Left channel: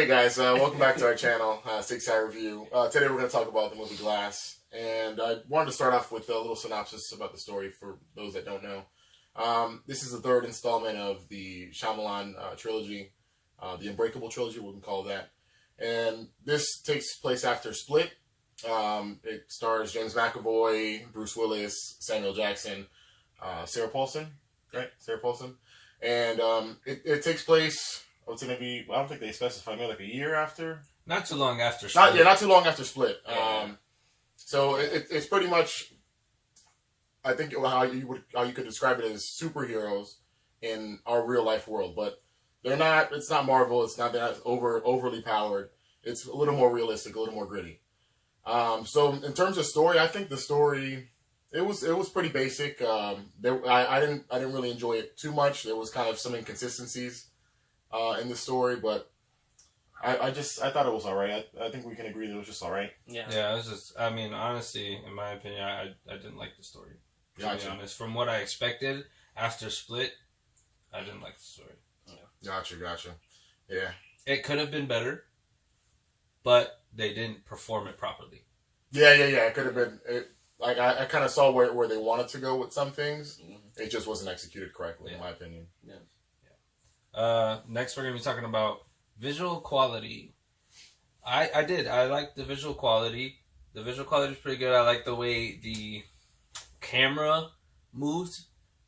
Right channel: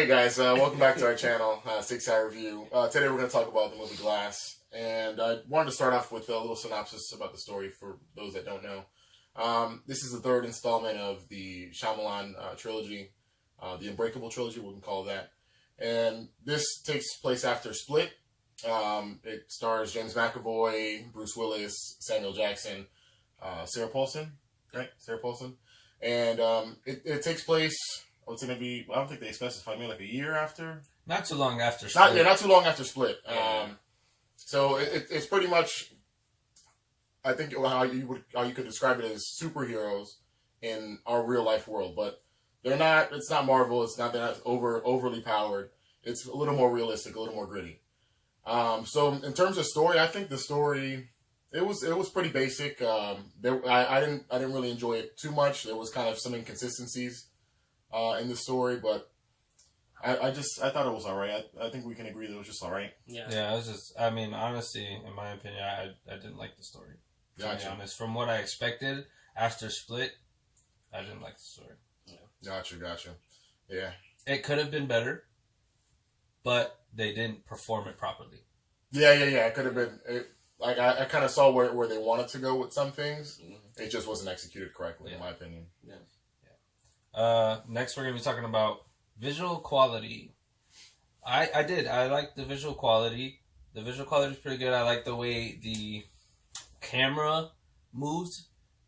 Hey guys, welcome back to our channel, 6 Eye Review. Today we're going to talk about the movie Glass, and I wanted to start off with a little synopsis about the story for those that don't know. This is the third installment of the Shyamalan trilogy, the Unbreakable trilogy, we can call it that. And this takes place after Split. It stars James McAvoy, Bruce Willis, Samuel Jackson, Sarah Paulson, right? Sarah Paulson. And it takes place... It's going to be, I don't think they specify, maybe like a year after? Not too long after Split. Not too long after Split. Yeah. So it's pretty much, I think how you could describe it as superheroes in our real life world, but they're not. It's not Marvel. They're not overly powered. It's a little more realistic, a little more gritty. So in terms of story, I think the story it was pretty basic. I didn't really enjoy it too much. There was kind of some inconsistencies in the story, but I thought it was alright. I think we can agree that it was just alright. Yeah, it was just, I mean, honestly, in my opinion, I didn't like the story. To be honest, from what I expected after Split, I didn't like the story. Yeah. Gotcha. Yeah. It could have been better, but they didn't perform it properly. Yeah. It could have been. I kind of saw where they wanted to go with some things. Mm-hmm. It just wasn't executed correctly, in my opinion. Yeah. Next we're going to be talking about visual quality. I like the visual quality. The visual quality is pretty good. I like the way the camera moved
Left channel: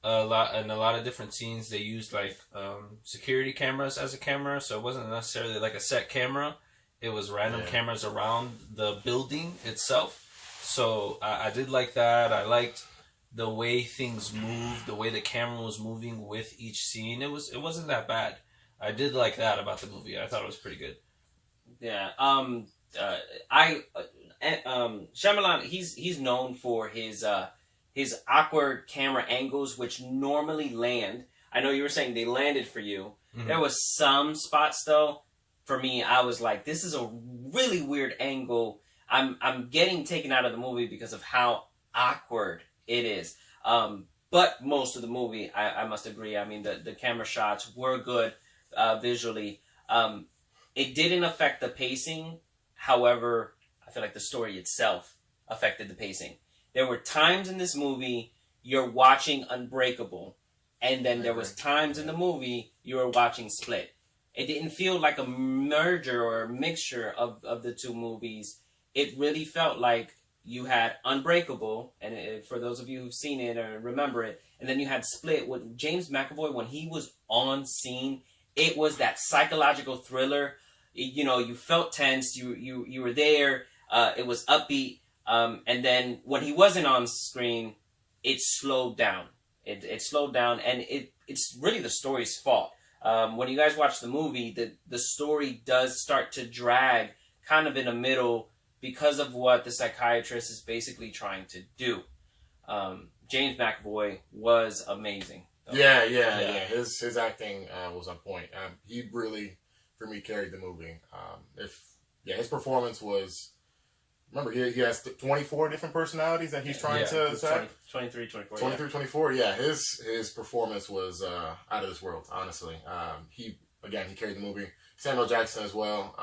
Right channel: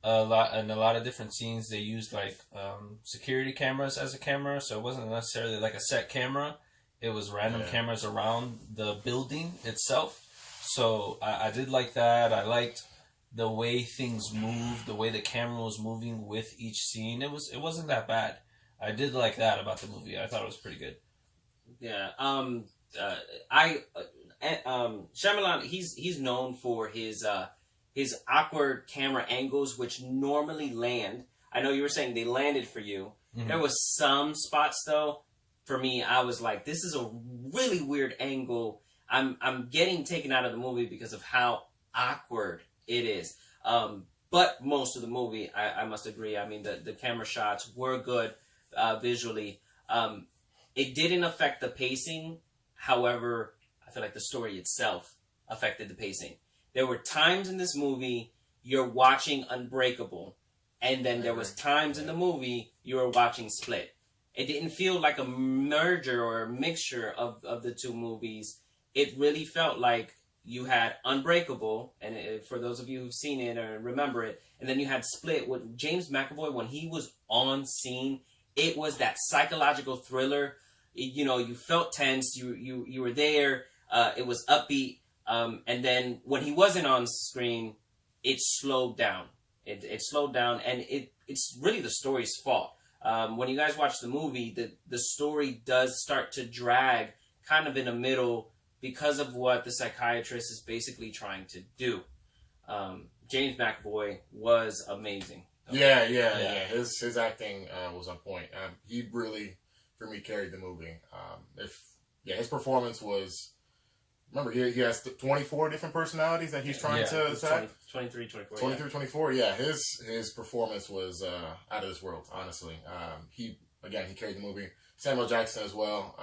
a lot. In a lot of different scenes, they used like security cameras as a camera, so it wasn't necessarily like a set camera. It was random cameras around the building itself. So I did like that. I liked the way things moved, the way the camera was moving with each scene. It wasn't that bad. I did like that about the movie. I thought it was pretty good. Yeah. Shyamalan, he's known for his awkward camera angles, which normally land. I know you were saying they landed for you. Mm-hmm. There was some spots though. For me, I was like, this is a really weird angle. I'm getting taken out of the movie because of how awkward it is. But most of the movie, I must agree. I mean, the camera shots were good visually. It didn't affect the pacing. However, I feel like the story itself affected the pacing. There were times in this movie you're watching Unbreakable, and then there was times in the movie you were watching Split. It didn't feel like a merger or a mixture of the two movies. It really felt like you had Unbreakable, and for those of you who've seen it or remember it, and then you had Split with James McAvoy. When he was on scene, it was that psychological thriller. You felt tense. You were there. It was upbeat. And then when he wasn't on screen, it slowed down. It slowed down, and it's really the story's fault. When you guys watch the movie, the story does start to drag kind of in the middle, because of what the psychiatrist is basically trying to do. James McAvoy was amazing. Yeah. His acting was on point. He really, for me, carried the movie. His performance was... Remember, he has 24 different personalities that he's trying to attack. 23, 24. 23, 24, yeah. His performance was out of this world, honestly. He carried the movie. Samuel Jackson as well.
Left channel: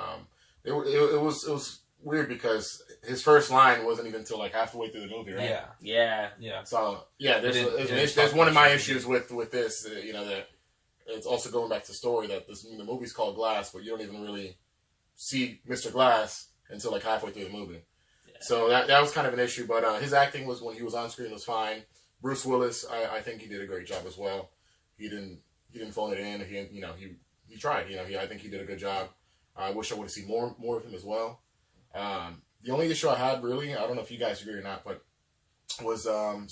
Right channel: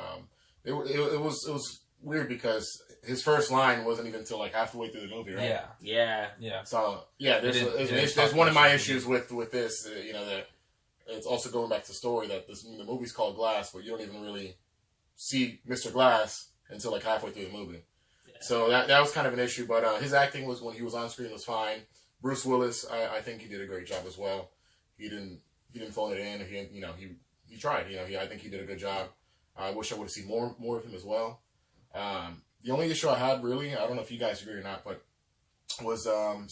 It was weird because his first line wasn't even until like halfway through the movie, right? Yeah. So there's one of my issues with this. That it's also going back to the story that the movie's called Glass, but you don't even really see Mr. Glass until like halfway through the movie. Yeah. So that was kind of an issue, but his acting was, when he was on screen, was fine. Bruce Willis, I think he did a great job as well. He didn't phone it in. He tried. I think he did a good job. I wish I would have seen more of him as well. The only issue I had, really, I don't know if you guys agree or not, but was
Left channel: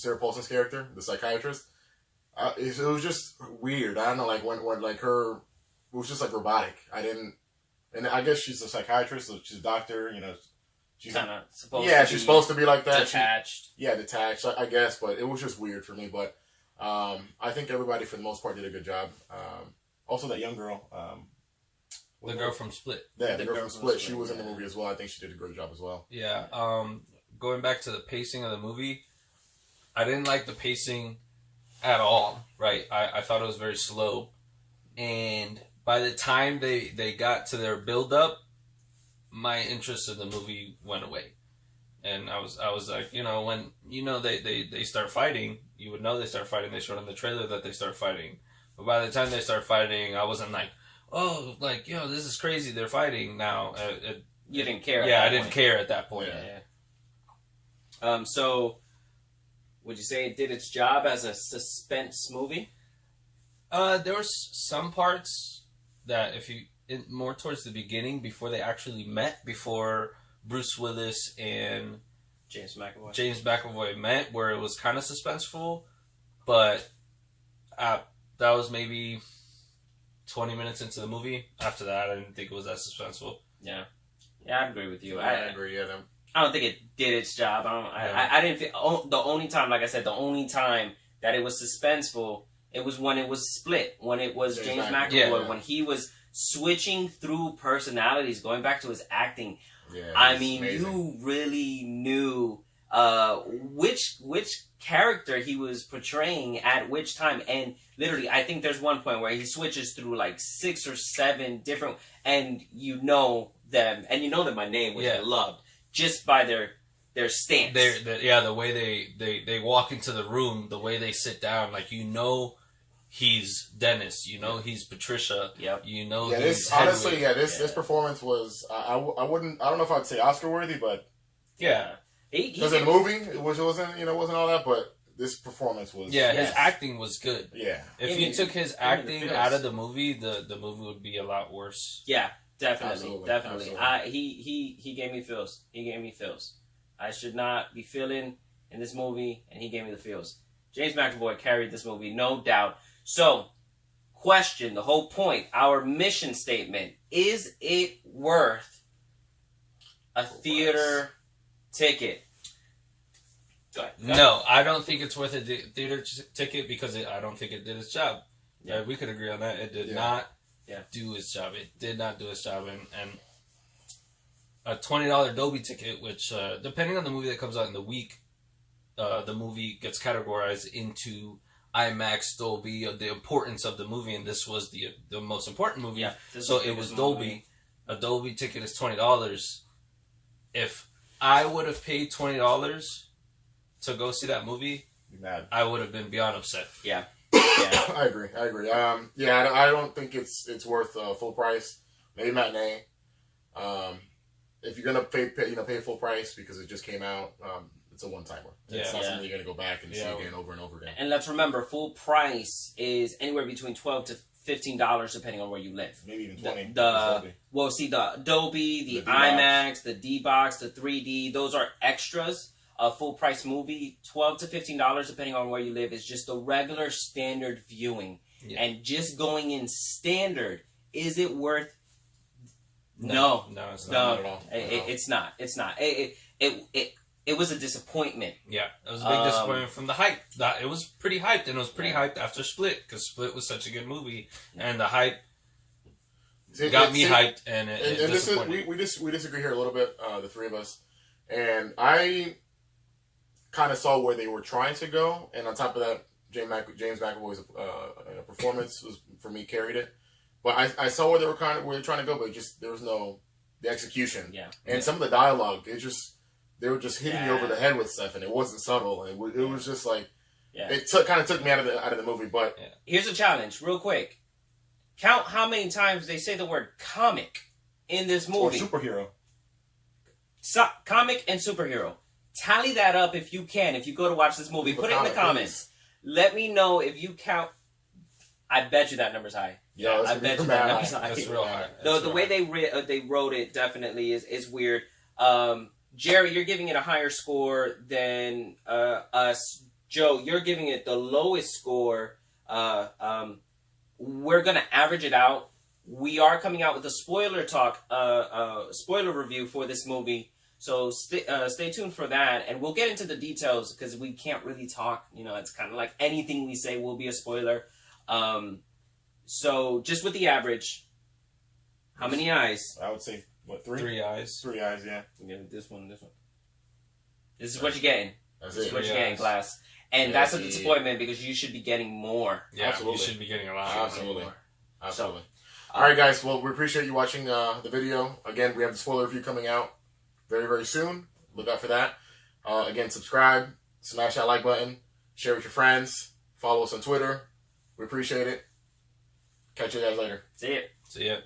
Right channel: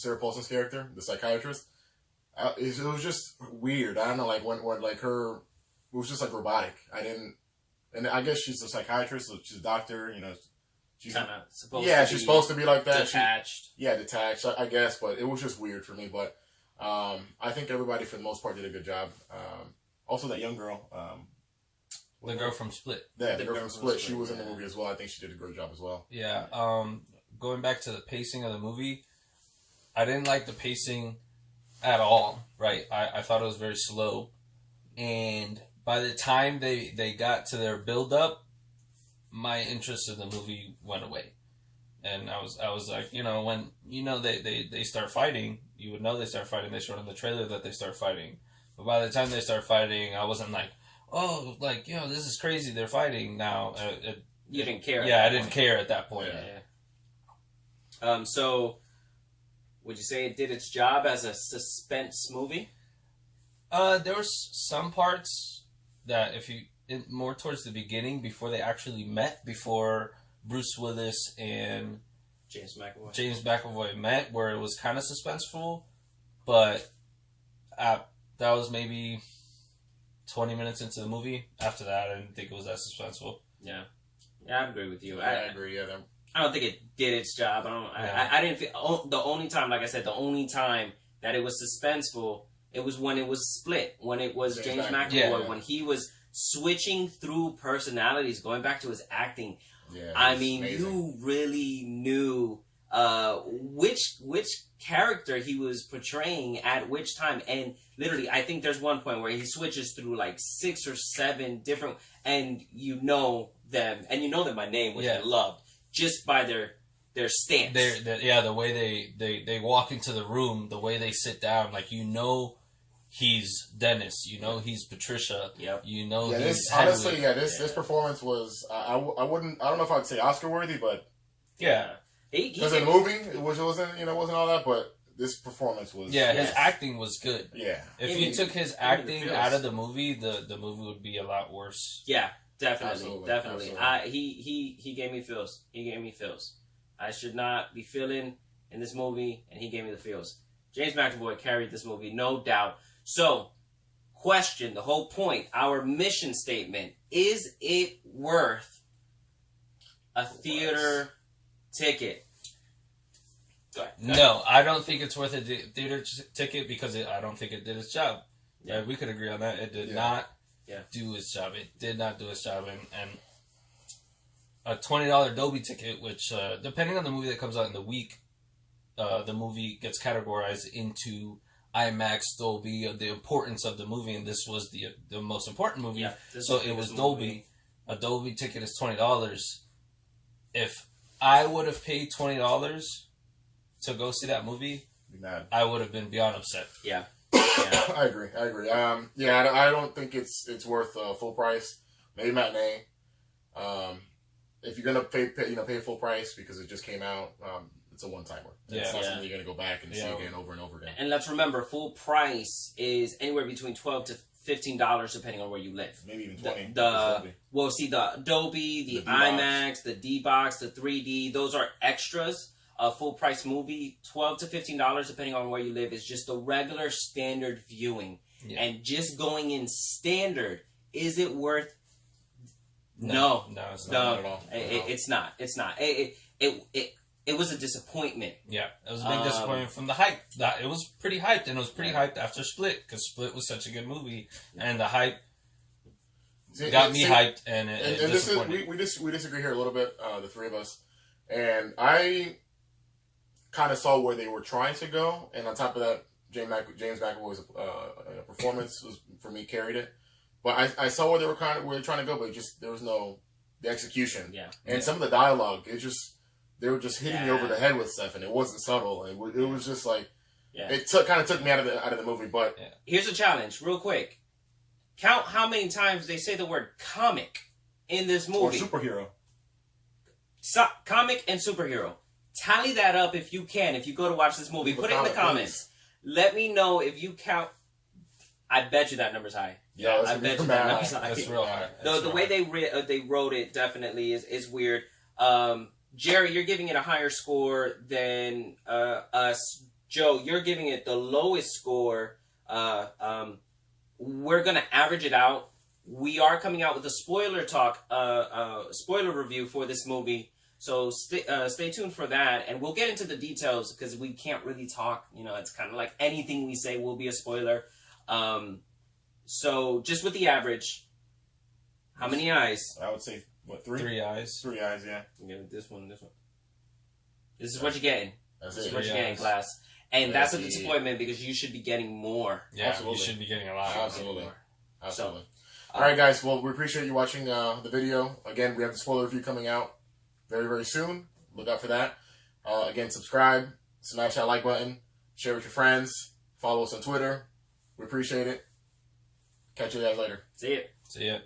Sarah Paulson's character, the psychiatrist. It was just weird. I don't know, like when like her, it was just like robotic. And I guess she's a psychiatrist, so she's a doctor. She's kind of supposed. Yeah, she's supposed to be like that. Detached. Detached. I guess, but it was just weird for me. But I think everybody, for the most part, did a good job. Also, that young girl. The girl from Split. Yeah, the girl from Split. She was in the movie as well. I think she did a great job as well. Yeah. Going back to the pacing of the movie, I didn't like the pacing at all. Right. I thought it was very slow, and by the time they got to their build up, my interest in the movie went away. And I was like, when they start fighting, you would know they start fighting. They showed in the trailer that they start fighting. But by the time they start fighting, I wasn't like, oh, like, this is crazy. They're fighting now. You didn't care. Yeah, I didn't care at that point. Yeah. So, would you say it did its job as a suspense movie? There was some parts that more towards the beginning, before they actually met, before Bruce Willis and James McAvoy met, where it was kind of suspenseful, but that was maybe 20 minutes into the movie. After that, I didn't think it was that suspenseful. Yeah, I agree with you. I agree. Yeah, I don't think it did its job. I didn't feel the only time, like I said, the only time that it was suspenseful, it was when it was split, when it was James McAvoy, when he was switching through personalities, going back to his acting. Yeah, I mean, amazing. You really knew which character he was portraying at which time, and literally, I think there's one point where he switches through like 6 or 7 different, and you know them, and you know them by name, which I loved, just by their stance. The way they walk into the room, the way they sit down, like he's Dennis, he's Patricia. Yep. He's honestly, this performance was I don't know if I'd say Oscar worthy, but because in the movie it wasn't all that, but this performance was his acting was good. Yeah, if you took his acting out of the movie, the movie would be a lot worse. Yeah, definitely. Absolutely. He gave me feels. I should not be feeling in this movie, and he gave me the feels. James McAvoy carried this movie, no doubt. So, question, the whole point, our mission statement, is it worth a theater ticket? Go ahead. No, I don't think it's worth a theater ticket because I don't think it did its job. Yeah, we could agree on that. It did not do its job. It did not do its job. And a $20 Dolby ticket, which, depending on the movie that comes out in the week, the movie gets categorized into IMAX, Dolby, the importance of the movie, and this was the most important movie. Yeah, so it was Dolby. A Dolby ticket is $20. If I would have paid $20 to go see that movie, I would have been beyond upset. Yeah. I agree. I don't think it's worth full price. Maybe matinee. If you're gonna pay full price because it just came out, it's a one-timer. It's not something you're going to go back and see again over and over again. And let's remember, full price is anywhere between $12 to $15 depending on where you live. Maybe even 20. The Dolby, the IMAX, the D-Box, the 3D, those are extras. A full-price movie, $12 to $15 depending on where you live, is just the regular standard viewing. Yeah. And just going in standard, is it worth... No, it's not at all. It's not. It was a disappointment. Yeah, it was a big disappointment from the hype. It was pretty hyped, and it was pretty hyped after Split, because Split was such a good movie, and the hype got me hyped, and this is we disagree here a little bit, the three of us, and I kind of saw where they were trying to go, and on top of that, James McAvoy's performance was, for me, carried it. But I saw where they were trying to go, but there was no the execution. Yeah, and some of the dialogue, they were just hitting me over the head with stuff, and it wasn't subtle. It was just like, it kind of took me out of the movie. But here's a challenge, real quick. Count how many times they say the word comic in this movie. Or superhero. Comic and superhero. Tally that up if you can. If you go to watch this movie, put it in the comments. Let me know if you count. I bet you that number's high. Yeah, I bet you that number's high. That's real high. The way they wrote it definitely is weird. Jerry, you're giving it a higher score than us. Joe, you're giving it the lowest score. We're going to average it out. We are coming out with a spoiler review for this movie. So stay tuned for that. And we'll get into the details because we can't really talk. It's kind of like anything we say will be a spoiler. So just with the average, how many eyes? I would say... What, 3? 3 eyes. 3 eyes, yeah. This one. This is what you're getting. This is what you're getting, class. And that's a disappointment because you should be getting more. Yeah, absolutely. You should be getting a lot. Absolutely. All right, guys. Well, we appreciate you watching the video. Again, we have the spoiler review coming out very, very soon. Look out for that. Again, subscribe, smash that like button, share with your friends, follow us on Twitter. We appreciate it. Catch you guys later. See ya. See ya.